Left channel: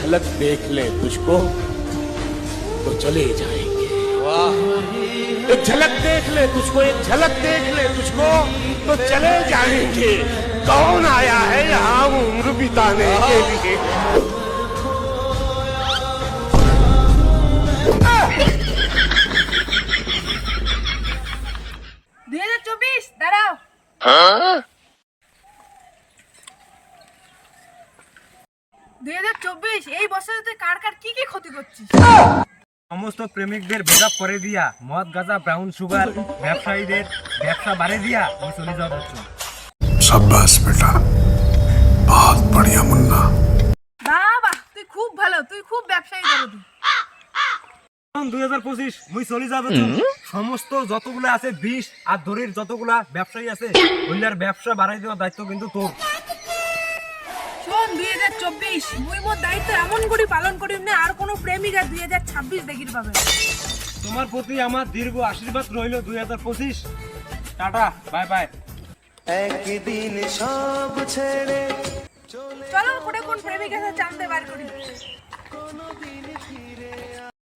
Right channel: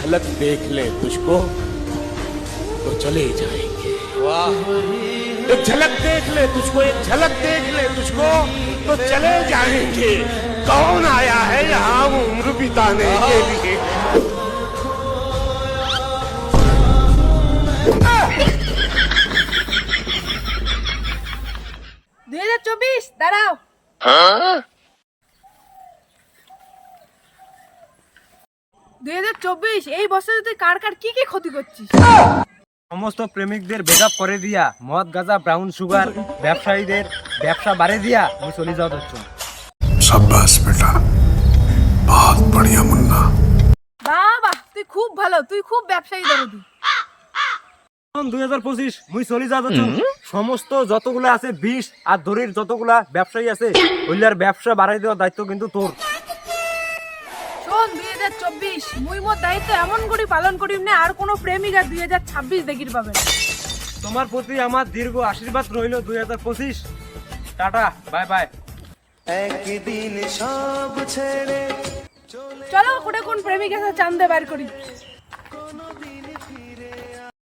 झलक देख ले तुझको तो चले जाएँगे। वाह। एक झलक देख ले तुझको एक झलक देख ले तुझको तो चले जाएँगे। कौन आया है यहाँ उम्र बिताने के लिए? दो हज़ार चौबीस डराओ हाँ? দুই হাজার চব্বিশ এই বছরে তুই কার কার কি কি ক্ষতি করছিস? সমস্ত প্রেমিকদের ভেদা করে দিয়া মদ গাজা ব্রাউন সুগার ব্যবসায়ীদের ব্যবসা বাড়ে দিয়া আমি চলে যাওয়া হচ্ছে সাব্বাস বেটা বহুত বড়িয়া মুন্না। বাবা তুই খুব ভালো তুই খুব ব্যবসায়ী করবি দুই হাজার পঁচিশ মুই চলে যাবে সমস্ত যতগুলো আছে বিষ আর দড়ির যতগুলা ব্যবসায়ী আছে ওইগুলার ব্যবসা বাড়াই দেওয়ার দায়িত্ব কিন্তু তোর। শোন দুই হাজার চব্বিশ। মুই মোর দায়িত্ব এমন করে পালন করিম না আর কোনো প্রেমিকা দুই হাজার ছাব্বিশ দেখির পাবে না। তোমার প্রতি আমার দীর্ঘ আশীর্বাদ রইল দুই হাজার পঁচিশ। Tata bye bye. চলো ওটা কোন প্রেমিকা আছে চান্দে বার করি।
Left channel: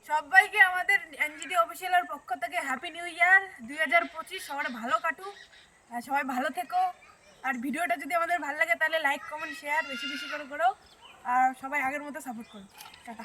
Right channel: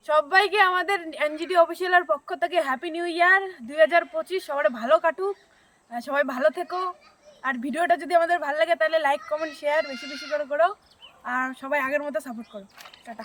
সবাইকে আমাদের এনজিটি অফিসিয়ালের পক্ষ থেকে হ্যাপি নিউ ইয়ার দুই হাজার পঁচিশ সবাই ভালো কাটুক। সবাই ভালো থেকো। আর ভিডিওটা যদি আমাদের ভালো লাগে, তাহলে লাইক কমেন্ট শেয়ার বেশি বেশি করে করো। আর সবাই আগের মতো সাপোর্ট করো। টাটা।